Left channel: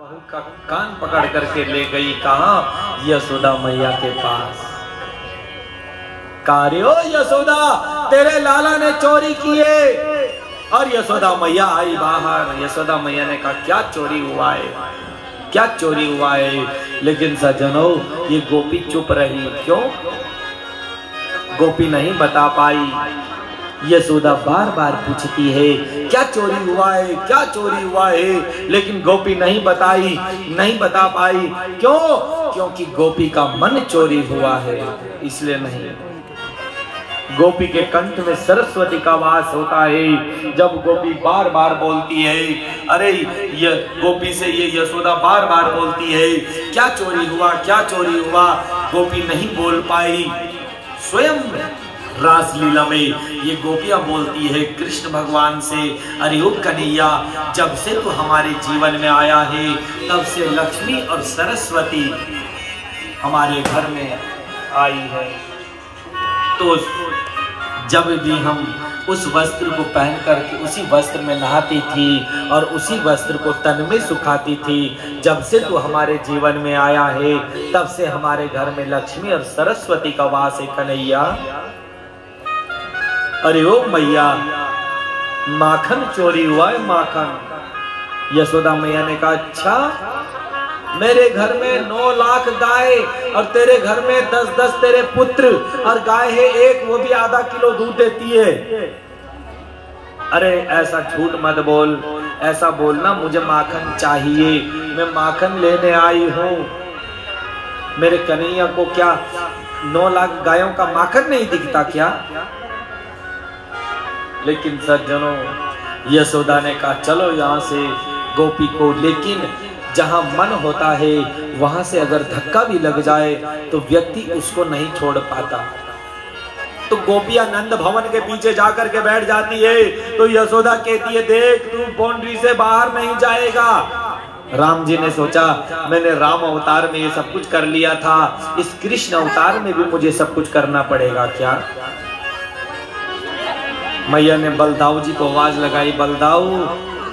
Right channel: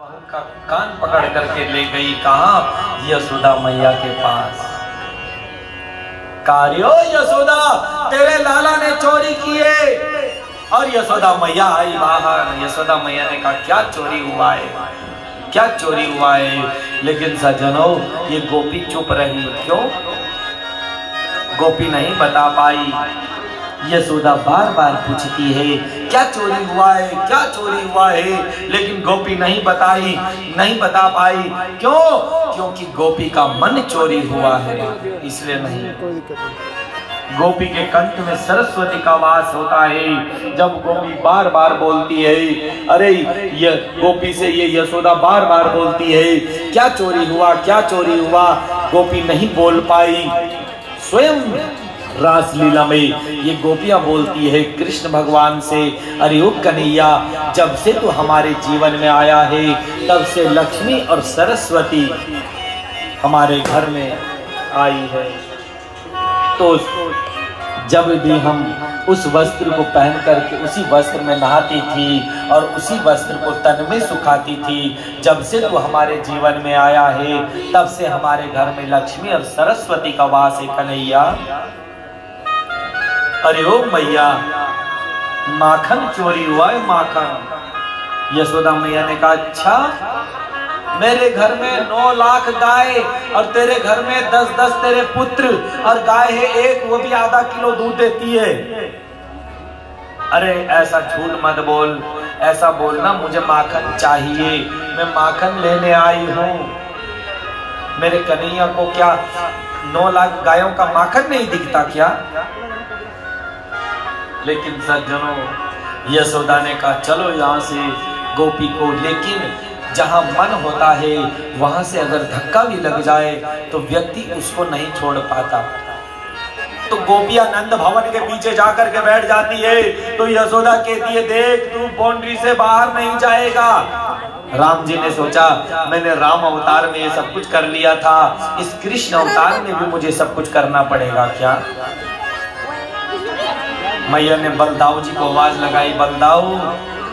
बहू का कान पकड़ करके ले गई कहा यशोदा मैया के पास। कार्यो यशोदा तेरे लाला ने चोरी की है। और यशोदा मैया आई बाहर। यशोदा मैया ने कहा क्या चोरी हुआ है, क्या चोरी हुआ है। लेकिन सज्जनों ये गोपी चुप रही। क्यों? गोपी नहीं बता पाई। यशोदा बार बार पूछती है क्या चोरी हुआ है, क्या चोरी हुआ है, लेकिन गोपी नहीं बताई, नहीं बता पाई। क्यों? क्योंकि गोपी का मन चोरी हुआ है, इसलिए नहीं। गोपी के कंठ में सरस्वती का वास होता है। जब गोपी बार बार बोलती है, अरे ये गोपी से ये यशोदा बार बार बोलती है क्या चोरी हुआ, क्या चोरी हुआ। गोपी नहीं बोल पाई। स्वयं रासलीला में ये गोपियां बोलती है कृष्ण भगवान से, अरे ओ कन्हैया जब से तू हमारे जीवन में आया है तब से लक्ष्मी और सरस्वती हमारे घर में आई है। तो जब भी हम उस वस्त्र को पहन करके उसी वस्त्र में नहाती थी और उसी वस्त्र को तन में सुखाती थी। जब से तू हमारे जीवन में आया है तब से हमारे घर में लक्ष्मी और सरस्वती का वास है कन्हैया। अरे ओ मैया माखन चोरी हुआ है, माखन। यशोदा मैया ने कहा अच्छा, मेरे घर में 9 लाख गाय और तेरे घर में 10-10 तेरे पुत्र और गाय है एक, वो भी आधा किलो दूध देती है। अरे ऐसा झूठ मत बोल, ऐसा बोलना मुझे माखन चाहिए, मैं माखन लेने आई हूँ। मेरे कन्हैया को क्या 9 लाख गायों का माखन नहीं दिखता क्या? लेकिन सज्जनों यशोदा ने कहा चलो यहाँ से गोपी को, लेकिन जहाँ मन होता है वहां से अगर धक्का भी लग जाए तो व्यक्ति उसको नहीं छोड़ पाता। तो गोपियां नंद भवन के पीछे जाकर के बैठ जाती है तो यशोदा कहती है देख तू बाउंड्री से बाहर नहीं जाएगा। राम जी ने सोचा मैंने राम अवतार में ये सब कुछ कर लिया था, इस कृष्ण अवतार में भी मुझे सब कुछ करना पड़ेगा क्या? मैया ने बलदाऊ जी को आवाज लगाई, बलदाऊ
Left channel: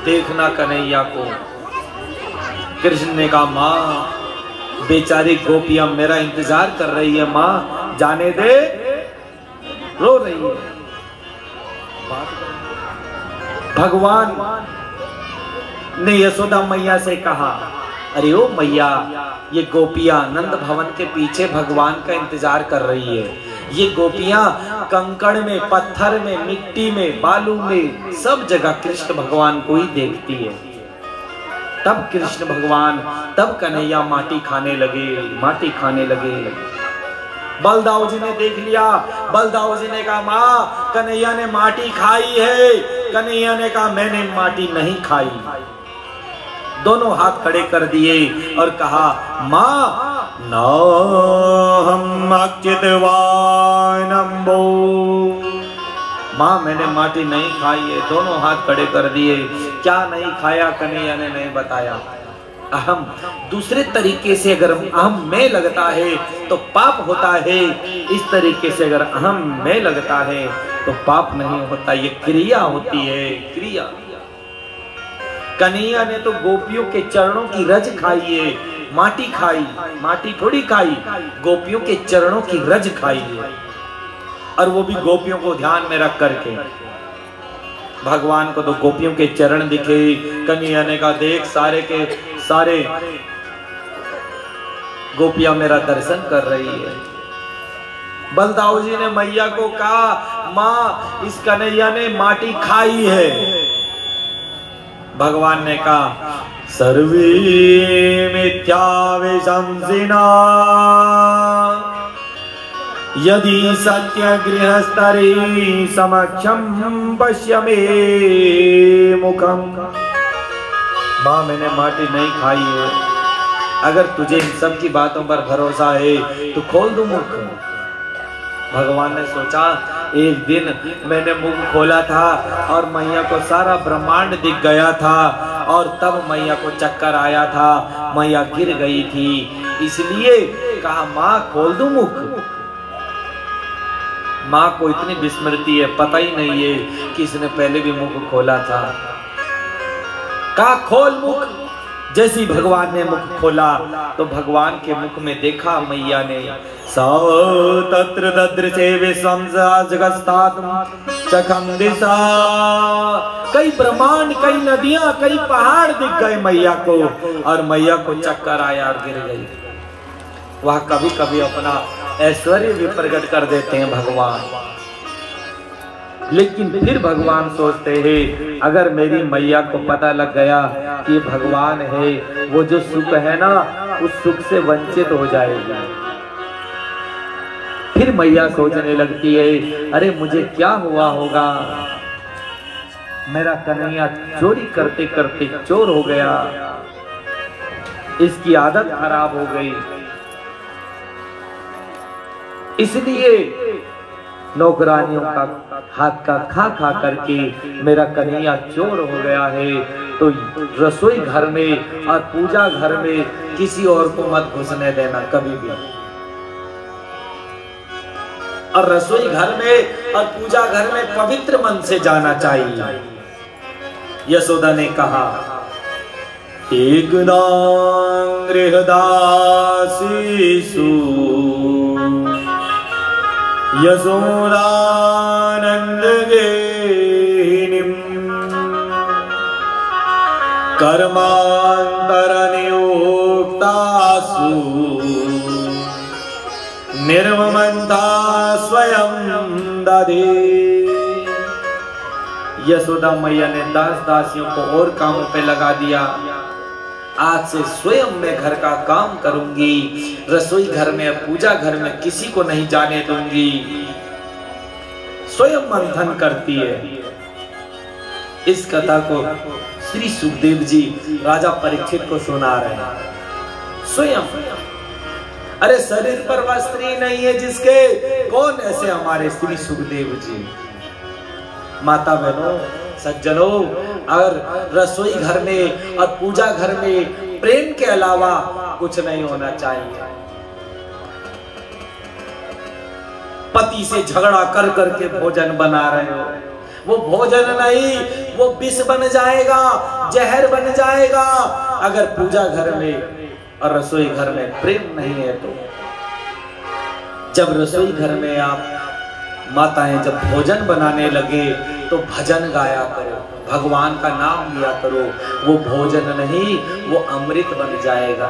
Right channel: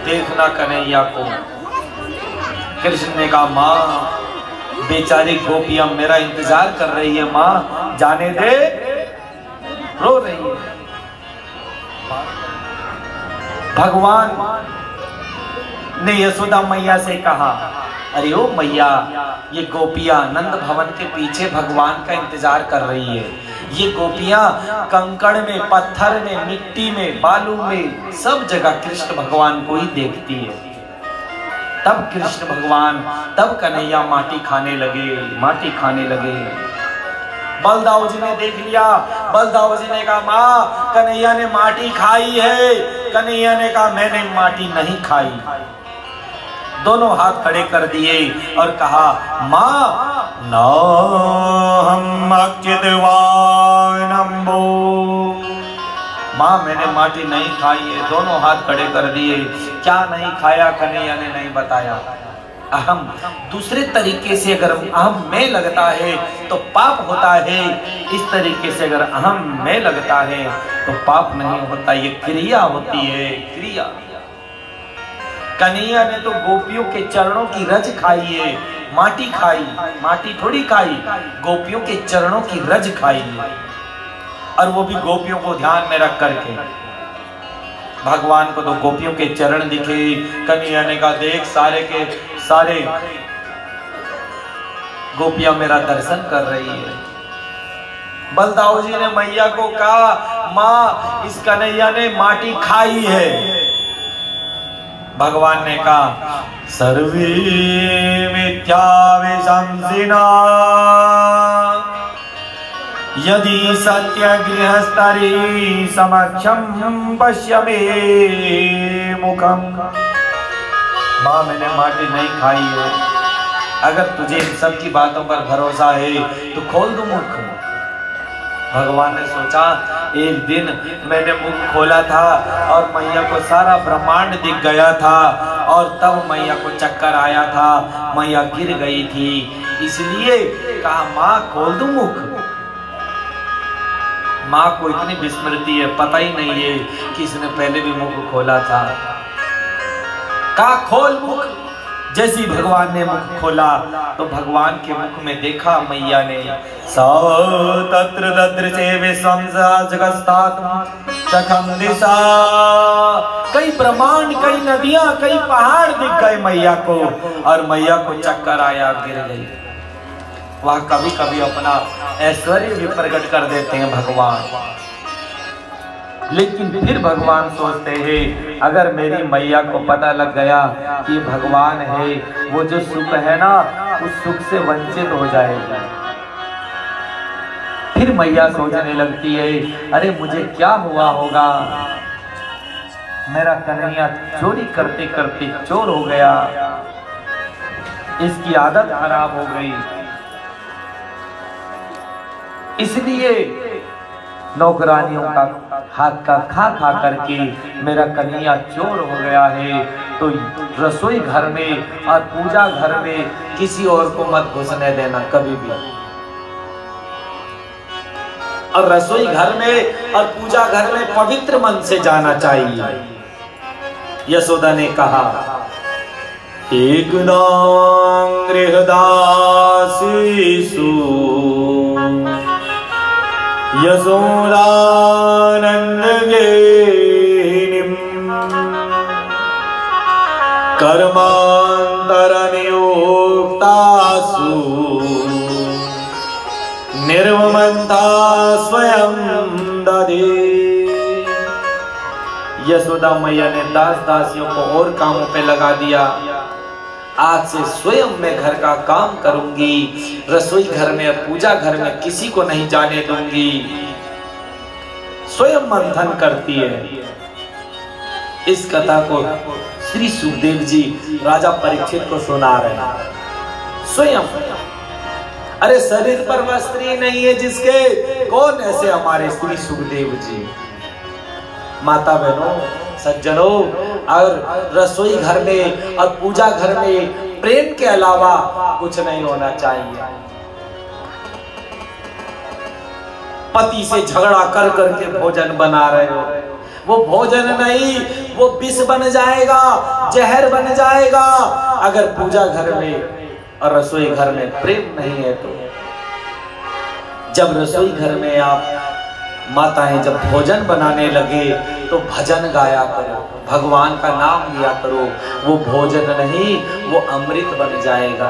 देखना कन्हैया को। कृष्ण ने कहा माँ बेचारी गोपियां मेरा इंतजार कर रही है, माँ जाने दे, रो रही है। भगवान ने यशोदा मैया से कहा अरे ओ मैया ये गोपियां नंद भवन के पीछे भगवान का इंतजार कर रही है। ये गोपियां कंकड़ में, पत्थर में, मिट्टी में, बालू में, सब जगह कृष्ण भगवान को ही देखती है। तब कृष्ण भगवान, तब कन्हैया माटी खाने लगे, माटी खाने लगे। बलदाऊ जी ने देख लिया। बलदाऊ जी ने कहा माँ कन्हैया ने माटी खाई है। कन्हैया ने कहा मैंने माटी नहीं खाई। दोनों हाथ खड़े कर दिए और कहा माँ माँ मैंने माटी नहीं खाई है। दोनों हाथ खड़े कर दिए। क्या नहीं खाया? कन्हैया ने नहीं बताया। अहम दूसरे तरीके से अगर अहम में लगता है तो पाप होता है, इस तरीके से अगर अहम में लगता है तो पाप नहीं होता, ये क्रिया होती है, क्रिया। कन्हैया ने तो गोपियों के चरणों की रज खाई है, माटी खाई, माटी थोड़ी खाई, गोपियों के चरणों की रज खाई है। और वो भी गोपियों को ध्यान में रख करके। भगवान को तो गोपियों के चरण दिखे। कन्हैया ने कहा देख सारे के सारे गोपियां मेरा दर्शन कर रही है। बलदाऊ जी ने मैया को कहा माँ इस कन्हैया ने माटी खाई है। भगवान ने कहा सर्वे मिथ्या विशंसिना यदि सत्य गृहस्तरी समक्षम पश्य मे मुखम। माँ मैंने माटी नहीं खाई है, अगर तुझे इन सब की बातों पर भरोसा है तो खोल दो मुख। भगवान ने सोचा एक दिन मैंने मुख खोला था और मैया को सारा ब्रह्मांड दिख गया था और तब मैया को चक्कर आया था, मैया गिर गई थी, इसलिए कहा माँ खोल दो मुख। माँ को इतनी विस्मृति है, पता ही नहीं है कि इसने पहले भी मुख खोला था। कहा खोल मुख। जैसी भगवान ने मुख खोला तो भगवान के मुख में देखा मैया ने, सा तत्र ददृशे विश्वं जगस्तात् चखम दिशा। कई ब्रह्मांड, कई नदियां, कई पहाड़ दिख गए मैया को, और मैया को चक्कर आया, गिर गई। वह कभी कभी अपना ऐश्वर्य भी प्रकट कर देते हैं भगवान, लेकिन फिर भगवान सोचते हैं अगर मेरी मैया को पता लग गया कि भगवान है, वो जो सुख है ना, उस सुख से वंचित हो जाएगी। फिर मैया सोचने लगती है, अरे मुझे क्या हुआ होगा, मेरा कन्हैया चोरी करते करते चोर हो गया, इसकी आदत खराब हो गई, इसलिए नौकरानियों का हाथ का खा खा करके मेरा कन्हैया चोर हो गया है। तो रसोई घर में और पूजा घर में किसी और को मत घुसने देना कभी भी, और रसोई घर में और पूजा घर में पवित्र मन से जाना चाहिए। यशोदा ने कहा, एक कर्मांतर नियोक्तासु निर्ममता स्वयं दधे। यशोदा मैया ने दास दासियों को और कामों पे लगा दिया। आज से स्वयं मैं घर का काम करूंगी, रसोई घर में पूजा घर में किसी को नहीं जाने दूंगी। स्वयं मंथन करती है। इस कथा को श्री सुखदेव जी राजा परीक्षित को सुना रहे हैं। स्वयं, अरे शरीर पर वह स्त्री नहीं है जिसके, कौन ऐसे हमारे श्री सुखदेव जी। माता बहनों, सज्जनों, और रसोई घर में और पूजा घर में प्रेम के अलावा कुछ नहीं होना चाहिए। पति से झगड़ा कर करके भोजन बना रहे हो, वो भोजन नहीं, वो विष बन जाएगा, जहर बन जाएगा। अगर पूजा घर में और रसोई घर में प्रेम नहीं है तो। जब रसोई घर में आप माताएं जब भोजन बनाने लगे तो भजन गाया करो, भगवान का नाम लिया करो। वो भोजन नहीं, वो अमृत बन जाएगा।